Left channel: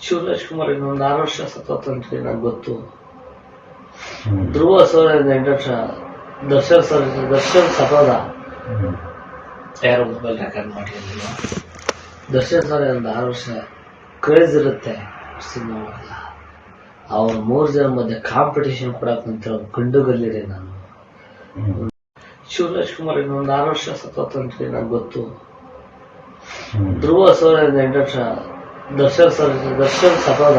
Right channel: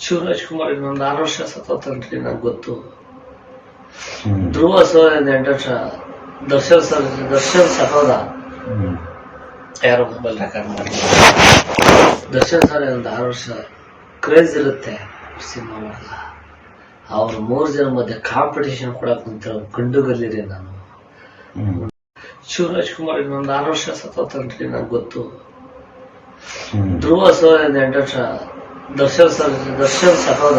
ಶಿವರಾಜ್ ಕುಮಾರ್ ಇನ್ನೊಂದು 6 ವರ್ಷ ಸತತಂತ್ರಿ ನಂಗೆ ಗೊತ್ತು. ಧ್ರುವ ಸರ್ 8 ವರ್ಷ, ದರ್ಶನ್ ಸತೋದ ಯಾರೋ ಮೊಬೈಲ್ ರೆಕಾರ್ಡ್ ಮಾಡಿ. ದರ್ಶನ್ ಸರ್ ಒಂದು 6 ವರ್ಷ ಕ್ರೇಜ್ ಇರುತ್ತೆ ಸಿನಿಮಾ ಮಾಡಲ್ಲ. ಅವ್ರ 3 ಜನ ಮಧ್ಯೆ ಕಾಂಪಿಟೇಷನ್ ಕೊಡಕ್ ನಿಂತಿರೋ ಗಂಡುಗಲ್ಲಿರಿ ನಾನು. ಶಿವರಾಜ್ ಕುಮಾರ್ ಇನ್ನೊಂದು 6 ವರ್ಷ ಸತತಂತ್ರಿ ನಂಗೆ ಗೊತ್ತು. ಧ್ರುವ ಸರ್ 8 ವರ್ಷ, ದರ್ಶನ್ ಸತೋದ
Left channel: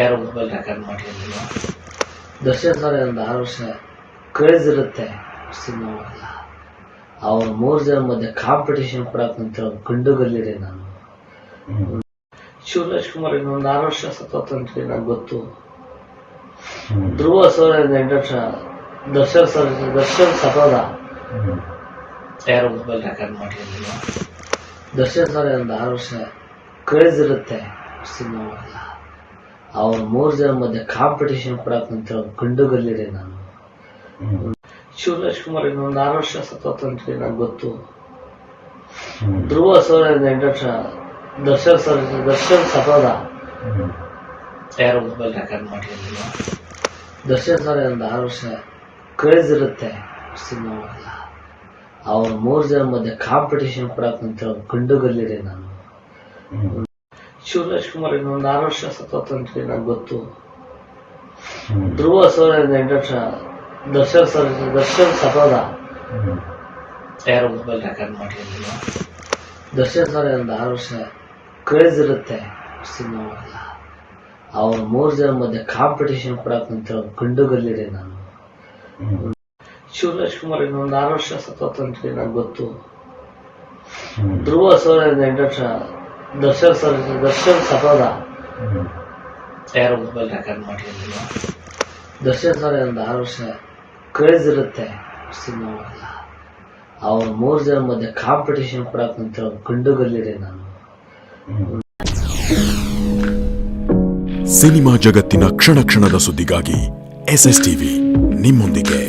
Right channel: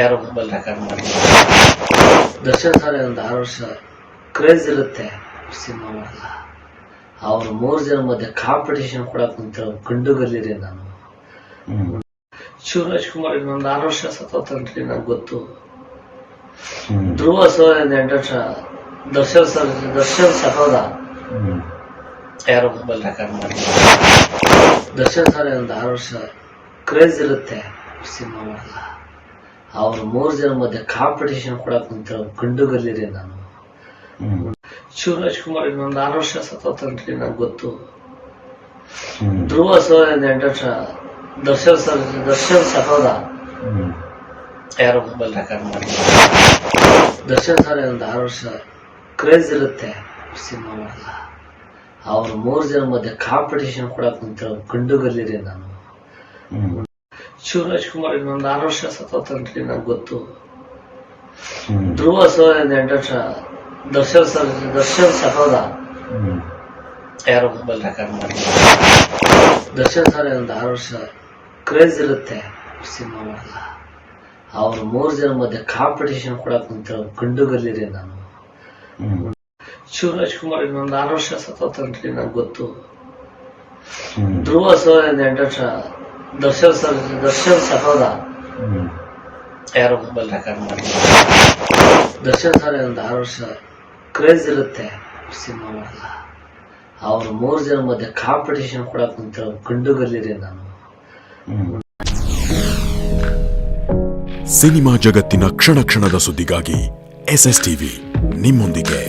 ಯಾರೋ ಮೊಬೈಲ್ ರೆಕಾರ್ಡ್ ಮಾಡಿ. ದರ್ಶನ್ ಸರ್ ಒಂದು 6 ವರ್ಷ ಕ್ರೇಜ್ ಇರುತ್ತೆ ಸಿನಿಮಾ ಮಾಡಲ್ಲ. ಅವ್ರ 3 ಜನ ಮಧ್ಯೆ ಕಾಂಪಿಟೇಷನ್ ಕೊಡಕ್ ನಿಂತಿರೋ ಗಂಡುಗಲ್ಲಿರಿ ನಾನು. ಶಿವರಾಜ್ ಕುಮಾರ್ ಇನ್ನೊಂದು 6 ವರ್ಷ ಸತತಂತ್ರಿ ನಂಗೆ ಗೊತ್ತು. ಧ್ರುವ ಸರ್ 8 ವರ್ಷ, ದರ್ಶನ್ ಸತೋದ ಯಾರೋ ಮೊಬೈಲ್ ರೆಕಾರ್ಡ್ ಮಾಡಿ. ದರ್ಶನ್ ಸರ್ ಒಂದು 6 ವರ್ಷ ಕ್ರೇಜ್ ಇರುತ್ತೆ ಸಿನಿಮಾ ಮಾಡಲ್ಲ. ಅವ್ರ 3 ಜನ ಮಧ್ಯೆ ಕಾಂಪಿಟೇಷನ್ ಕೊಡಕ್ ನಿಂತಿರೋ ಗಂಡುಗಲ್ಲಿರಿ ನಾನು. ಶಿವರಾಜ್ ಕುಮಾರ್ ಇನ್ನೊಂದು 6 ವರ್ಷ ಸತತಂತ್ರಿ ನಂಗೆ ಗೊತ್ತು. ಧ್ರುವ ಸರ್ 8 ವರ್ಷ, ದರ್ಶನ್ ಸತೋದ ಯಾರೋ ಮೊಬೈಲ್ ರೆಕಾರ್ಡ್ ಮಾಡಿ. ದರ್ಶನ್ ಸರ್ ಒಂದು 6 ವರ್ಷ ಕ್ರೇಜ್ ಇರುತ್ತೆ ಸಿನಿಮಾ ಮಾಡಲ್ಲ. ಅವ್ರ 3 ಜನ ಮಧ್ಯೆ ಕಾಂಪಿಟೇಷನ್ ಕೊಡಕ್ ನಿಂತಿರೋ ಗಂಡುಗಲ್ಲಿರಿ ನಾನು. ಶಿವರಾಜ್ ಕುಮಾರ್ ಇನ್ನೊಂದು 6 ವರ್ಷ ಸತತಂತ್ರಿ ನಂಗೆ ಗೊತ್ತು. ಧ್ರುವ ಸರ್ 8 ವರ್ಷ, ದರ್ಶನ್ ಸತೋದ ಯಾರೋ ಮೊಬೈಲ್ ರೆಕಾರ್ಡ್ ಮಾಡಿ. ದರ್ಶನ್ ಸರ್ ಒಂದು 6 ವರ್ಷ ಕ್ರೇಜ್ ಇರುತ್ತೆ ಸಿನಿಮಾ ಮಾಡಲ್ಲ. ಅವ್ರ 3 ಜನ ಮಧ್ಯೆ ಕಾಂಪಿಟೇಷನ್ ಕೊಡಕ್ ನಿಂತಿರೋ ಗಂಡುಗಲ್ಲಿರಿ ನಾನು. ಶಿವರಾಜ್ ಕುಮಾರ್ ಇನ್ನೊಂದು 6 ವರ್ಷ ಸತತಂತ್ರಿ ನಂಗೆ ಗೊತ್ತು. ಧ್ರುವ ಸರ್ 8 ವರ್ಷ, ದರ್ಶನ್ ಸತೋದ ಯಾರೋ ಮೊಬೈಲ್ ರೆಕಾರ್ಡ್ ಮಾಡಿ. ದರ್ಶನ್ ಸರ್ ಒಂದು 6 ವರ್ಷ ಕ್ರೇಜ್ ಇರುತ್ತೆ ಸಿನಿಮಾ ಮಾಡಲ್ಲ. ಅವ್ರ 3 ಜನ ಮಧ್ಯೆ ಕಾಂಪಿಟೇಷನ್ ಕೊಡಕ್ ನಿಂತಿರೋ ಗಂಡುಗಲ್ಲಿರಿ ನಾನು. ಸಿನಿಮಾ ಜಗತ್ತಿನ ಕ್ಷಣ ಕ್ಷಣದ ಸುದ್ದಿಗಾಗಿ SS ಟಿವಿ ನಿಮ್ಮೊಂದಿಗೆ.